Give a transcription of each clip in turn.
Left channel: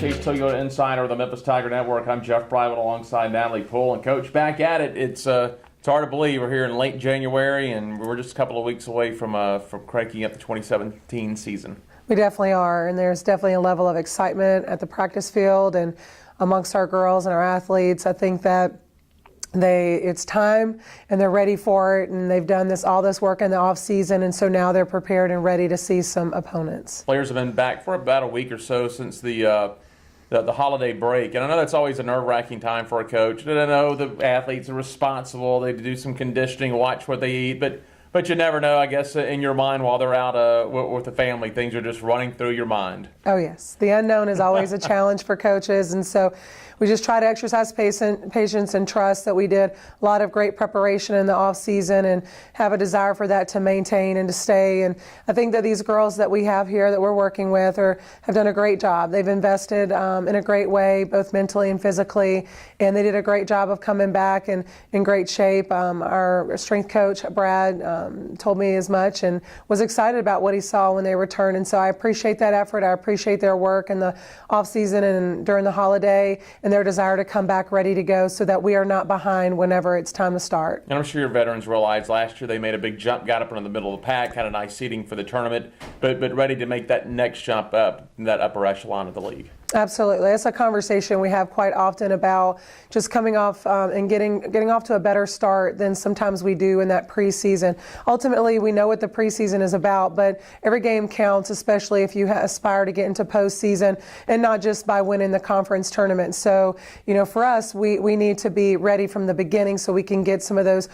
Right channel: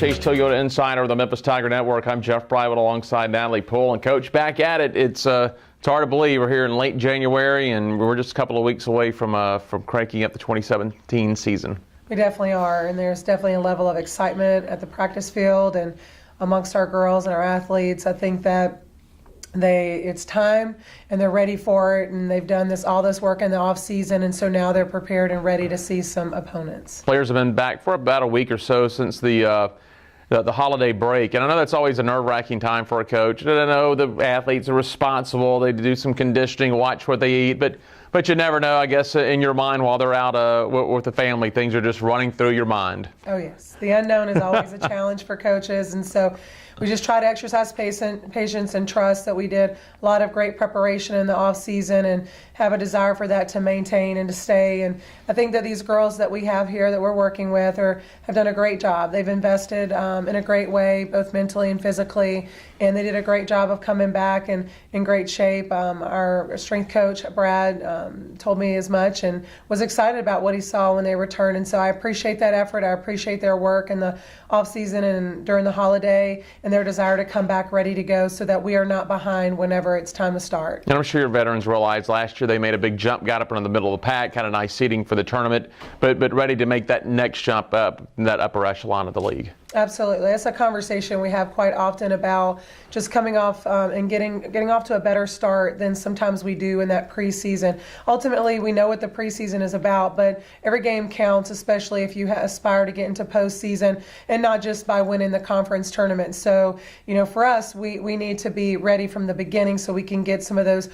Wolfchase Toyota Insider of the Memphis Tiger Network. I'm Jeff Private alongside Natalie Poole. And Coach, back at it. It's hard to believe we're here in late January and we're just a couple of weeks away from cranking up the 2017 season. We definitely are, and there's definitely a level of excitement at the practice field and amongst our girls and our athletes. I think that it's time and they're ready for it, and they've done all this work in the off season, and so now they're prepared and ready to see some opponents. Players have been back for about a week or so since the holiday break, and I know that's always a nerve-wracking time for a coach. And I know the athletes are responsible; they do some conditioning, watch what they eat, but you never know. I guess in your mind while they're out with the family, things are just running through your mind. Oh yes, the unknown is always a challenge for coaches, and so we just try to exercise patience and trust that we did a lot of great preparation in the off season and have a desire for that to maintain and to stay. And I think that these girls that we have here that we're working with have done a great job. They've invested in a great way, both mentally and physically, and they did a great job of coming back and in great shape. Our strength coach, Brad, told me as much and was excited about what he saw when they returned. And so I appreciate that effort. I appreciate their work in the off season and during the holiday, and their desire to come back ready to go so that we are not behind whenever it's time to start. And I'm sure your veterans realize last year they made a big jump, got up into the middle of the pack, had a nice seating for the tournament, but ready to make that next jump up in that upper echelon of the league. Absolutely. That's a conversation we have quite often about just coming off and getting off to a better start than sometimes we do in that preseason. Ultimately, we know what the preseason is about, but every game counts, especially if you aspire to get into postseason, and not just by winning the conference tournament. So, for us, we need to be ready from the beginning so we can get some of those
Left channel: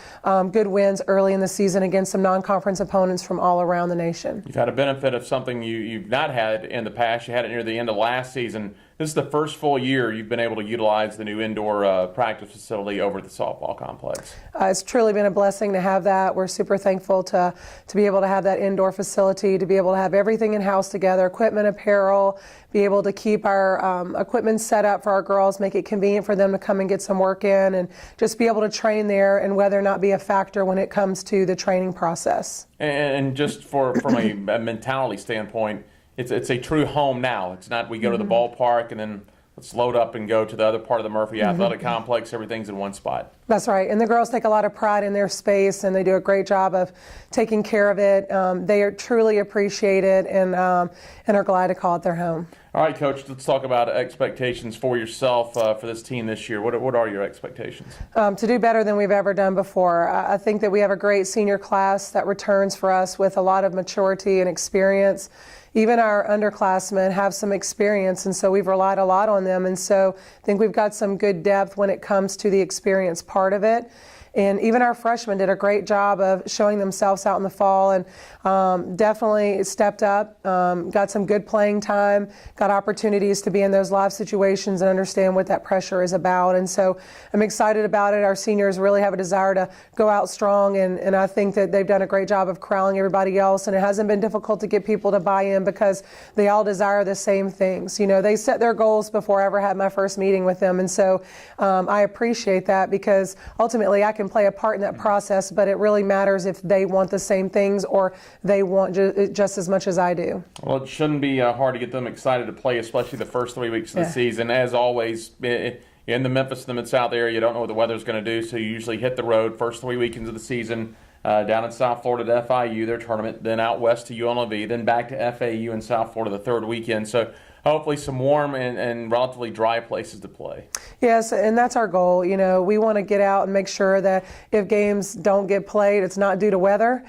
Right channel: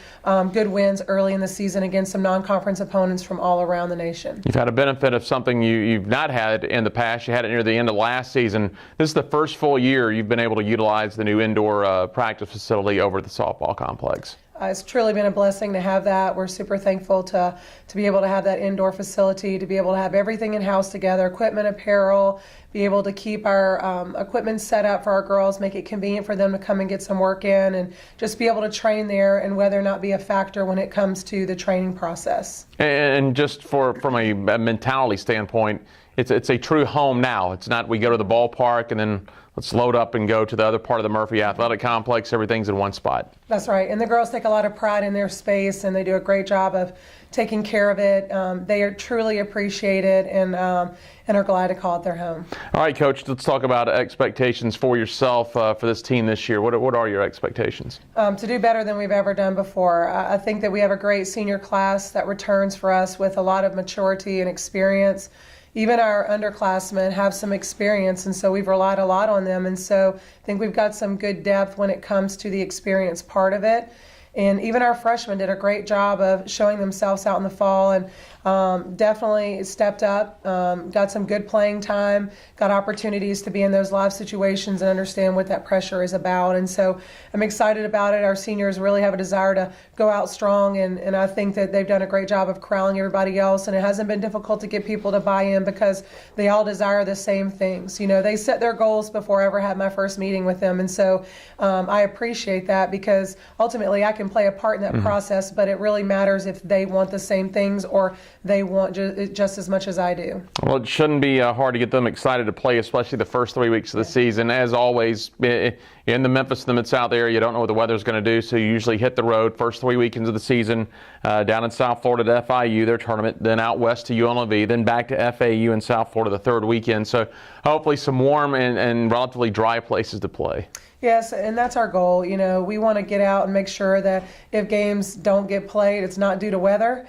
good wins early in the season against some non-conference opponents from all around the nation. You've had a benefit of something you've not had in the past. You had it near the end of last season. This is the first full year you've been able to utilize the new indoor practice facility over at the softball complex. It's truly been a blessing to have that. We're super thankful to be able to have that indoor facility, to be able to have everything in-house together, equipment, apparel, be able to keep our equipment set up for our girls, make it convenient for them to come and get some work in, and just be able to train there and whether or not be a factor when it comes to the training process. And just from a mentality standpoint, it's a true home now. It's not we go to the ballpark and then let's load up and go to the other part of the Murphy Athletic Complex. Everything's in one spot. That's right. And the girls take a lot of pride in their space, and they do a great job of taking care of it. They are truly appreciated and are glad to call it their home. All right, Coach, let's talk about expectations for yourself for this team this year. What are your expectations? To do better than we've ever done before. I think that we have a great senior class that returns for us with a lot of maturity and experience. Even our underclassmen have some experience, and so we've relied a lot on them. And so I think we've got some good depth when it comes to the experience part of it. And even our freshmen did a great job of showing themselves out in the fall and definitely stepped up, got some good playing time, got opportunities to be in those live situations and understand what that pressure is about. And so I'm excited about it. Our seniors really have a desire to go out strong, and I think that they've done a great job of corralling everybody else. And it hasn't been difficult to get people to buy in because they all desire the same things. They set their goals before I ever had my first meeting with them. And so I appreciate that because ultimately I can play a part in that process, but it really matters if they want the same things or they want just as much as I do. Well, it shouldn't be hard to get them excited to play, especially the first 3 weeks of the season. As always, in the Memphis and the Mid-South area, you don't know what the weather's going to do, so you usually hit the road first 3 weekends of the season, down in South Florida to FIU, their tournament, then out west to UNLV, then back to FAU in South Florida the third weekend. So hopefully some warm and relatively dry places to play. Yes, and that's our goal. We want to get out and make sure that if games don't get played, it's not due to weather.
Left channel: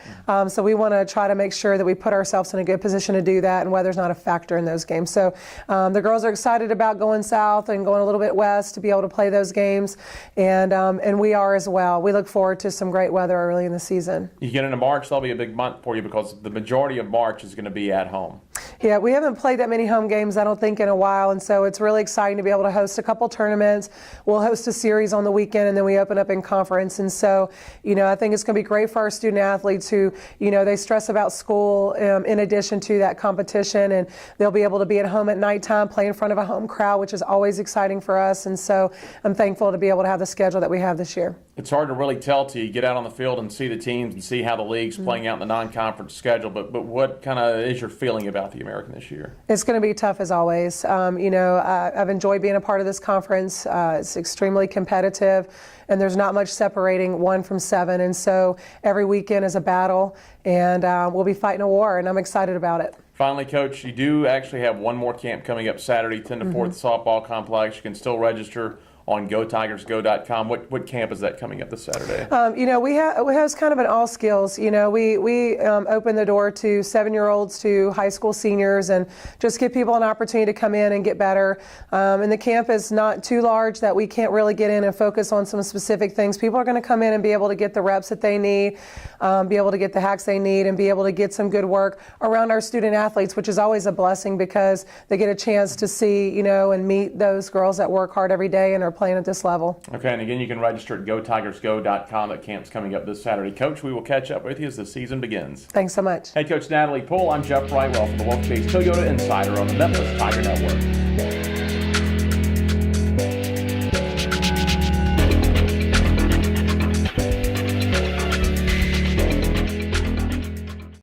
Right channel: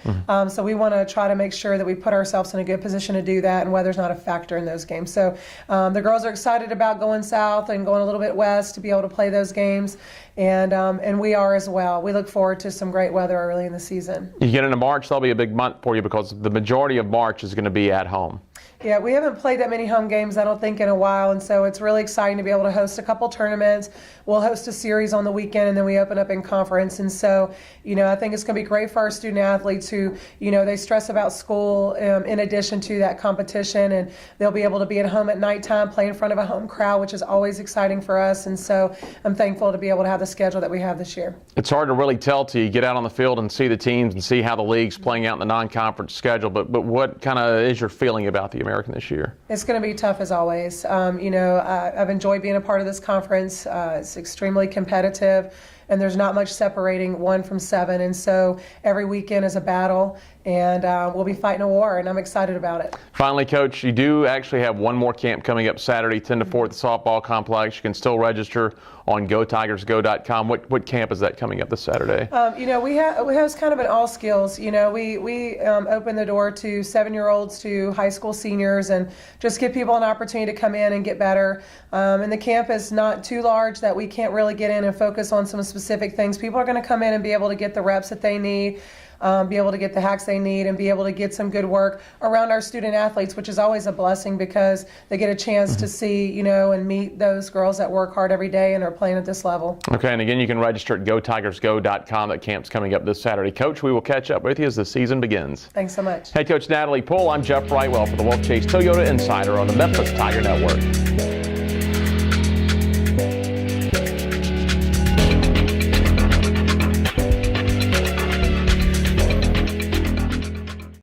So we want to try to make sure that we put ourselves in a good position to do that, and weather's not a factor in those games. So the girls are excited about going south and going a little bit west to be able to play those games, and we are as well. We look forward to some great weather early in the season. You get into March, that'll be a big month for you because the majority of March is going to be at home. Yeah, we haven't played that many home games, I don't think, in a while, and so it's really exciting to be able to host a couple tournaments. We'll host a series on the weekend, and then we open up in conference. And so, I think it's going to be great for our student athletes who, they stress about school in addition to that competition, and they'll be able to be at home at nighttime, play in front of a home crowd, which is always exciting for us. And so I'm thankful to be able to have the schedule that we have this year. It's hard to really tell till you get out on the field and see the teams and see how the league's playing out in the non-conference schedule, but what kind of is your feeling about the American this year? It's going to be tough as always. I've enjoyed being a part of this conference. It's extremely competitive, and there's not much separating 1 from 7. And so every weekend is a battle, and we'll be fighting a war, and I'm excited about it. Finally, Coach, you do actually have one more camp coming up Saturday, 10 to 4 at the softball complex. You can still register on GoTigersGo.com. What camp is that coming up this Saturday? We have kind of an all skills. We open the door to 7-year-olds to high school seniors, and just give people an opportunity to come in and get better. And the camp is not too large that we can't really get in and focus on some specific things. People are going to come in and be able to get the reps that they need, be able to get the hacks they need, and be able to get some good work around our student athletes, which is always a blessing because they get a chance to see, and meet those girls that work hard every day and are playing at this level. Okay, and again, you can register at GoTigersGo.com. That camp's coming up this Saturday. Coach, we will catch up with you as the season begins. Thanks so much. Head Coach Natalie Poole, I'm Jeff Brightwell for the Wolfchase Toyota Insider on the Memphis Tiger Network.